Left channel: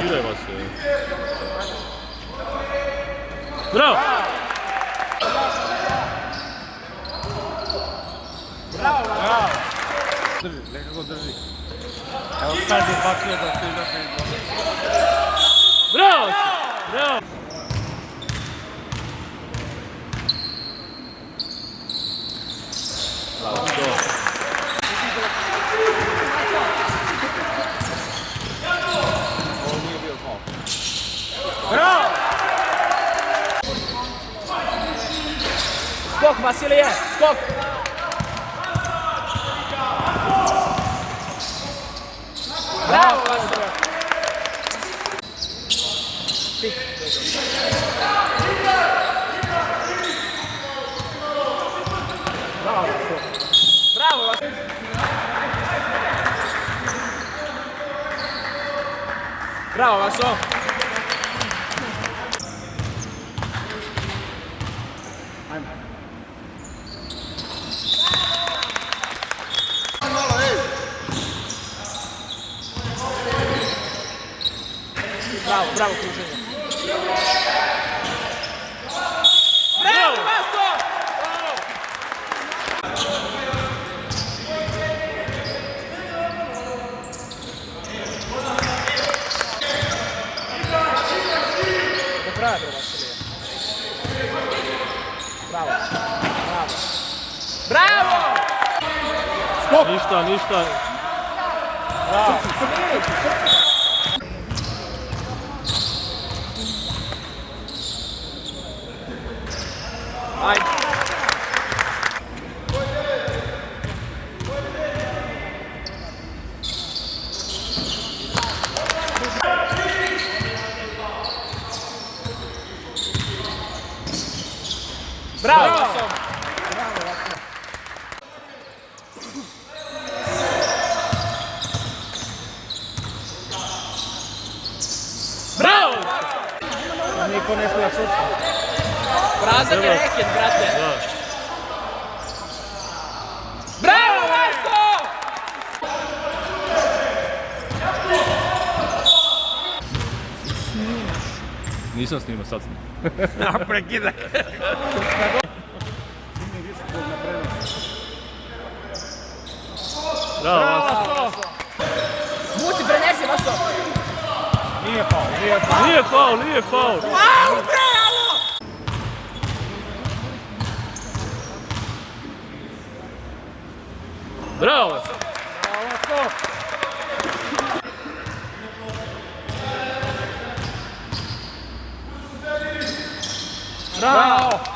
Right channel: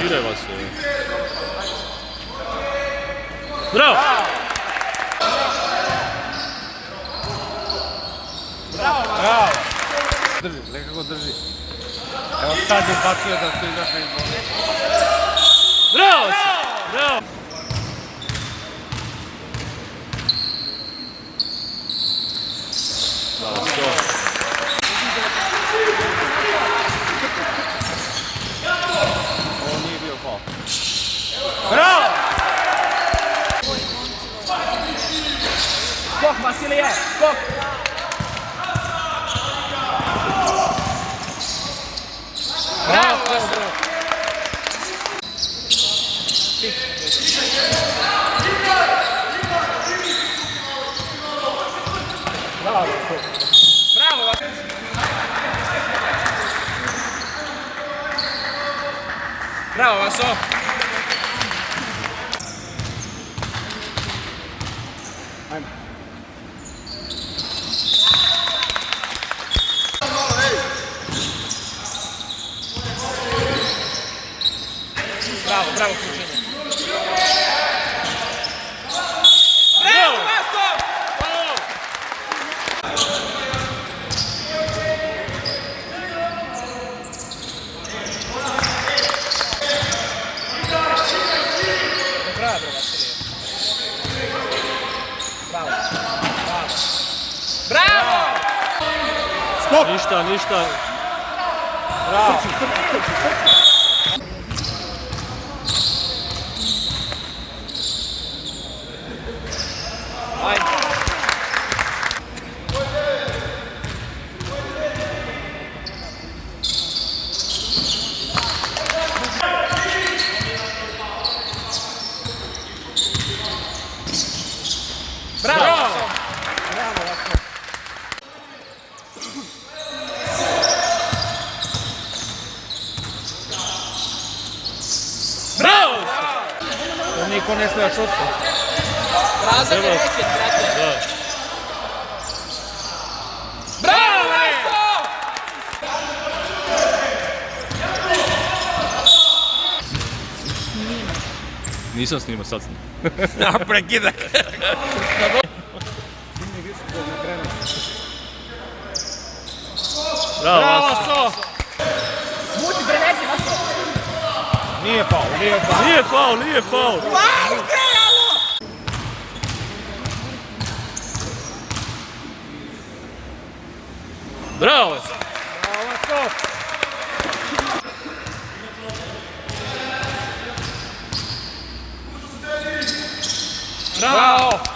Diraj vas se. Bravo! Bravo! Drži, nekako drži. Evo sad ubacuje da se izašli iz bolje. Bravo si! Bravo! Bravo, to. Ovo nije bio faul. Bravo! Skok, Vasilije, skok! Bravo, Vasilije! Bravo, Vasilije! Bravo, Vaso! Bravo, bravo kruženje. Bravo, Vaso! Do kraja, bre, Vasilije. Bravo, bravo. Bravo! Skok! Ništa. Bravo! Ajde. Bravo! Bravo! Niko ne smije šuti. Prazan je raket, brate. Da. Bravo, Vaso! Nisam snimao, sad snimao. Prekidaj. Bravo, Vaso. Muci, prenesi, Vaso! Nije faul, nije faul. Nije faul. Wow, bravo! Bravo! Bravo!